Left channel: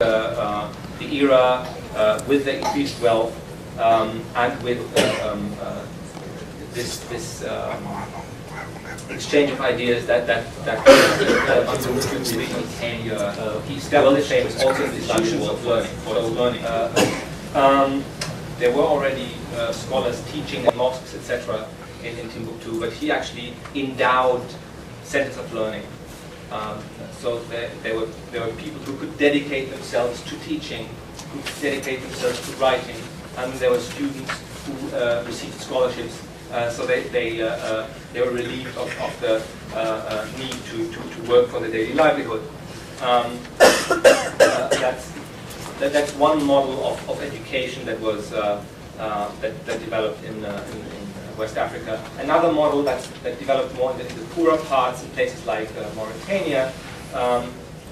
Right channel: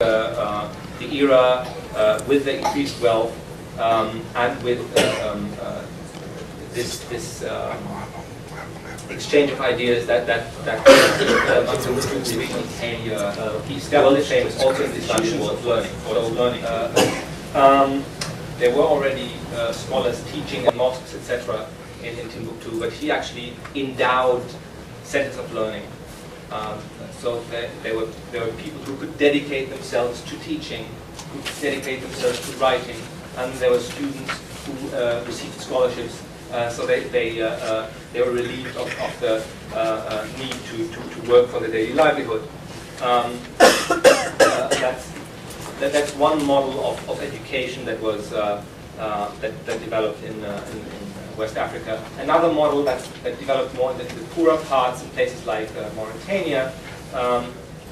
the era with the increased wealth and with this exchange of ideas that he established famous also institutions of learning. There were already scholars teaching in mosques, etc., in Timbuktu, but he actually endowed centers of learning. So there were people who could dedicate themselves to teaching, who could dedicate themselves to writing, and there were students who received scholarships. So they were relieved of the need to work for their daily livelihood. That's one model of education that was that developed in West Africa. Another model that developed more in the poorer parts in places like Mauritania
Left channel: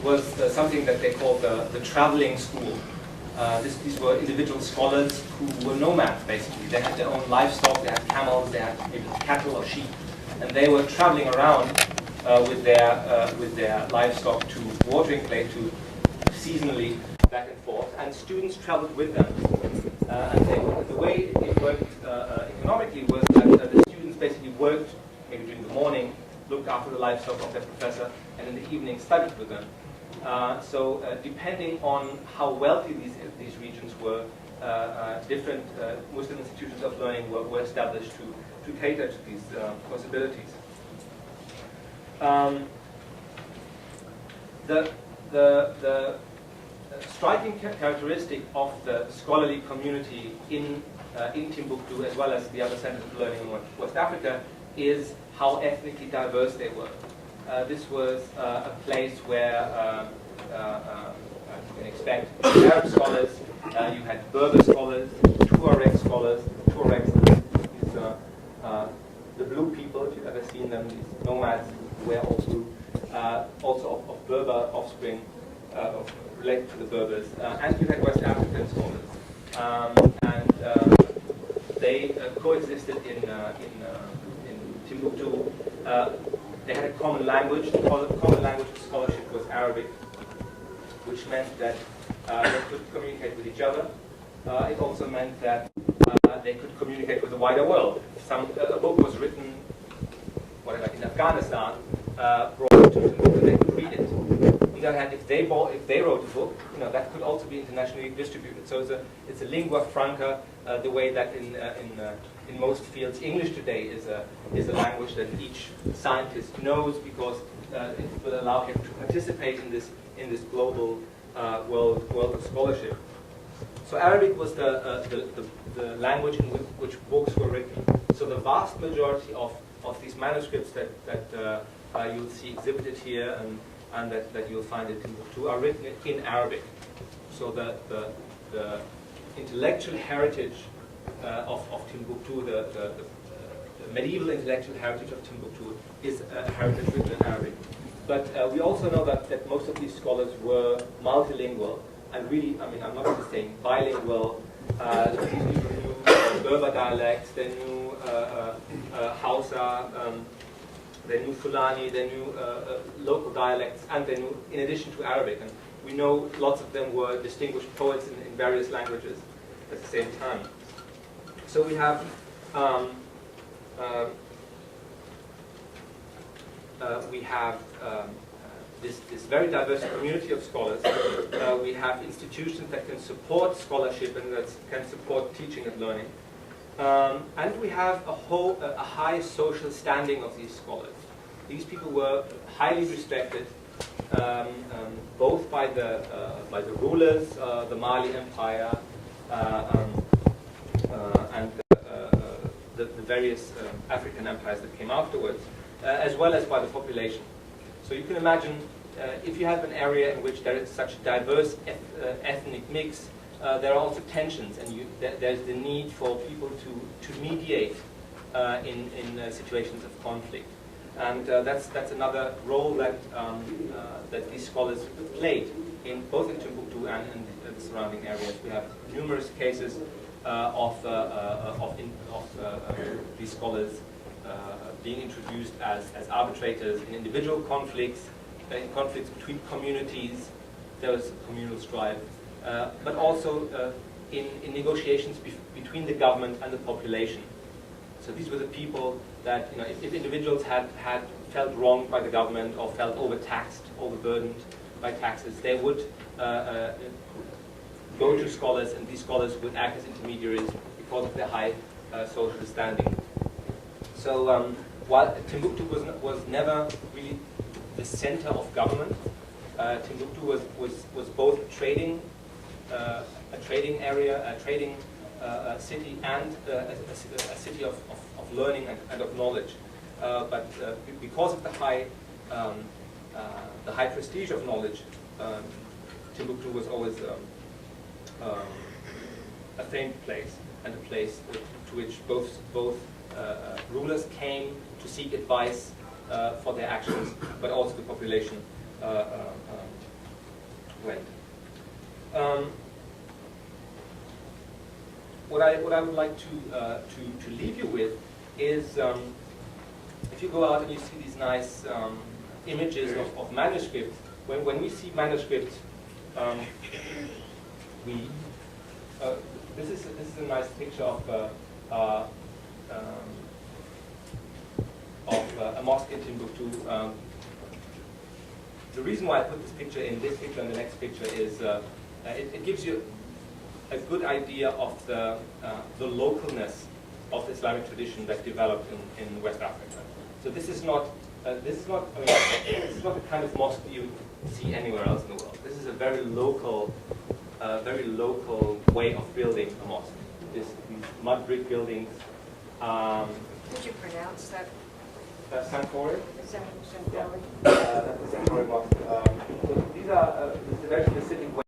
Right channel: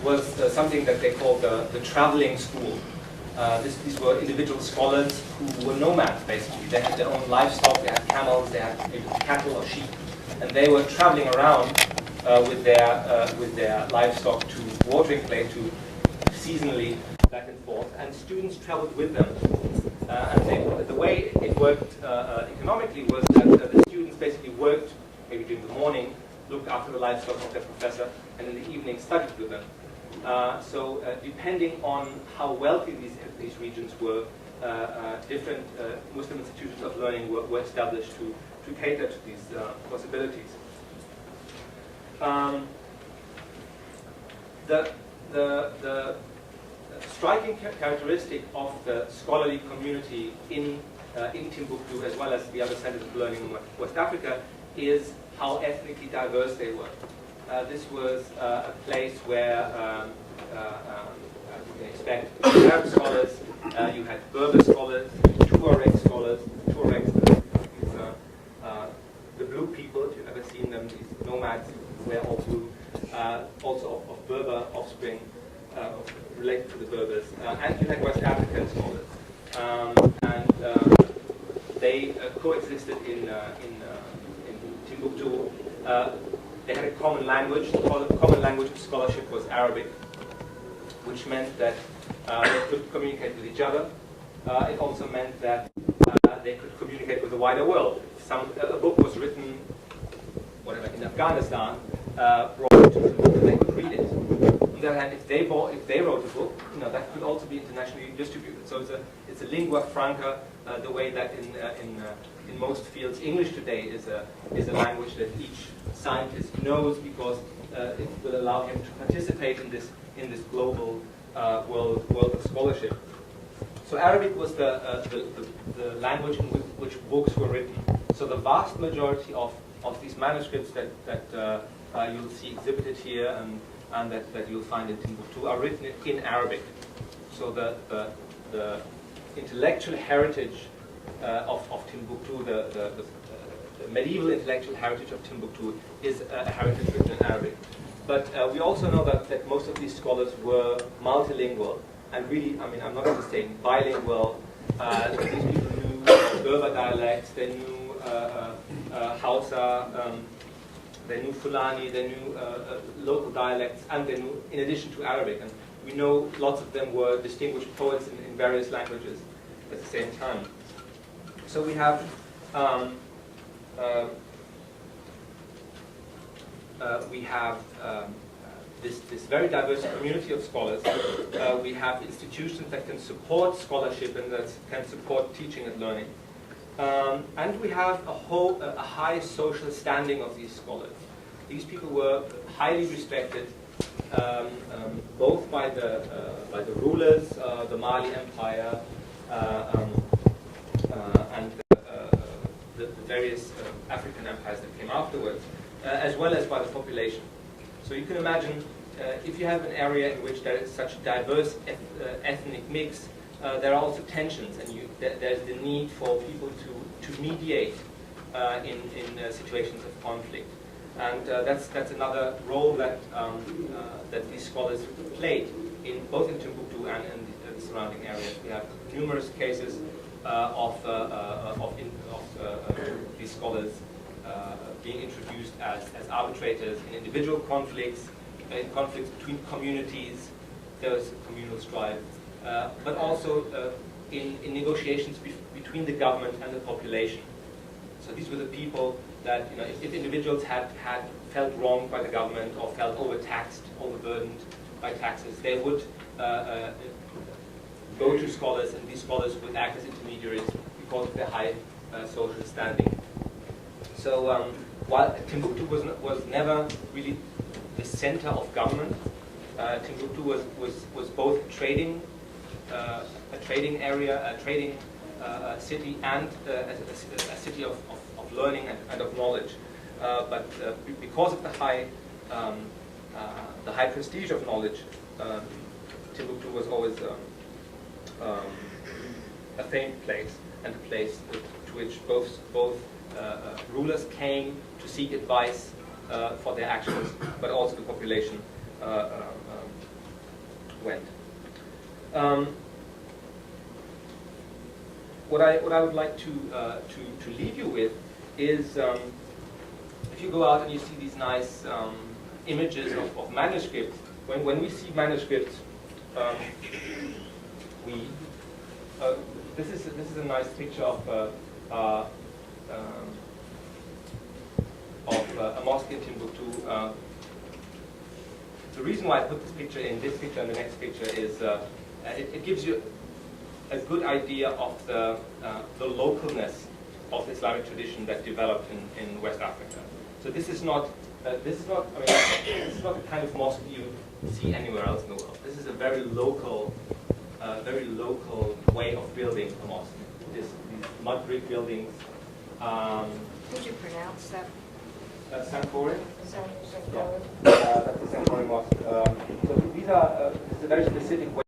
was something that they called the traveling school. These were individual scholars who were nomads, basically. They had their own livestock, they had camels, they had maybe cattle or sheep, and they were traveling around with their livestock to watering place, to seasonally back and forth, and students traveled with them. And the way it worked economically was that the students basically worked maybe during the morning, looked after the livestock of their professor, and in the evening studied with them. So depending on how wealthy these regions were, different Muslim institutions of learning were established to cater to these possibilities. The striking characteristic of the scholarly community in Timbuktu, as well as the other centers of learning in West Africa, is how ethnically diverse they were. This was a place where you can expect Arab scholars, you had Berber scholars, Tuareg scholars. Tuaregs, these the blue people, if you've ever seen them, these nomads who wear all blue, also of Berber offspring, related to the Berbers, and you had West African scholars, and they coexisted in Timbuktu. They had a common language. The common language of scholarship was Arabic, which meant that they could communicate with each other. It also meant that they could communicate with the wider world. If a book was written, whatever, in Afghanistan, brought to Timbuktu, they could read it. On the other hand, if they wrote a book, that could also be internationally distributed. So it's a lingua franca, the way that in most fields, English today is a language that each scientist knows, because it will allow him to participate in this global world of scholarship. So Arabic was the language in which books were written. So the vast majority of these manuscripts that you'll see exhibited here and that you'll find in Timbuktu are written in Arabic. So the intellectual heritage of Timbuktu, the medieval intellectual heritage of Timbuktu, is a heritage written in Arabic. But we also know that most of these scholars were multilingual, and really, I'm not just saying bilingual. These people knew Berber dialects, they knew Hausa, they knew Fulani, they knew local dialects, and they knew, in addition to Arabic. And we know lots of them were distinguished poets in various languages at the same time. So we have this very diverse community of scholars. We have institutions that can support scholarship and that can support teaching and learning. And we have a high social standing of these scholars. These people were highly respected, both by the rulers, the Mali Empire, and the various African empires that came afterwards, as well as by the population. So you can imagine, if you have an area in which there is such a diverse ethnic mix, there are also tensions, and there's the need for people to mediate in situations of conflict. And that's another role that these scholars played both in Timbuktu and in the surrounding areas. We have numerous cases of these scholars being introduced as arbitrators in individual conflicts, in conflicts between communities, there was communal strife, but also in negotiations between the government and the population. So these were the people that, if individuals had felt wronged by the government or felt overtaxed, overburdened by taxes, they would go to scholars, and these scholars would act as intermediaries because of their high social standing. So while Timbuktu was never really the center of government, Timbuktu was both a trading area, a trading city, and a city of learning and of knowledge. But because of the high prestige of knowledge, Timbuktu was always a famed place, and a place to which both rulers came to seek advice for their actions, but also the population went. What I would like to leave you with is, if you go out and you see these nice images of manuscripts, when we see manuscripts, this is a nice picture of a mosque in Timbuktu. The reason why I put this picture in this picture and the next picture is it gives you a good idea of the localness of the Islamic tradition that developed in West Africa. So this is not this is not the kind of mosque you see anywhere else in the world. This is a very local way of building a mosque. These mud brick buildings. Did you pronounce that? Sankore? Sankore. Yeah. That's the Sankore mosque. So these are this is a very specific way.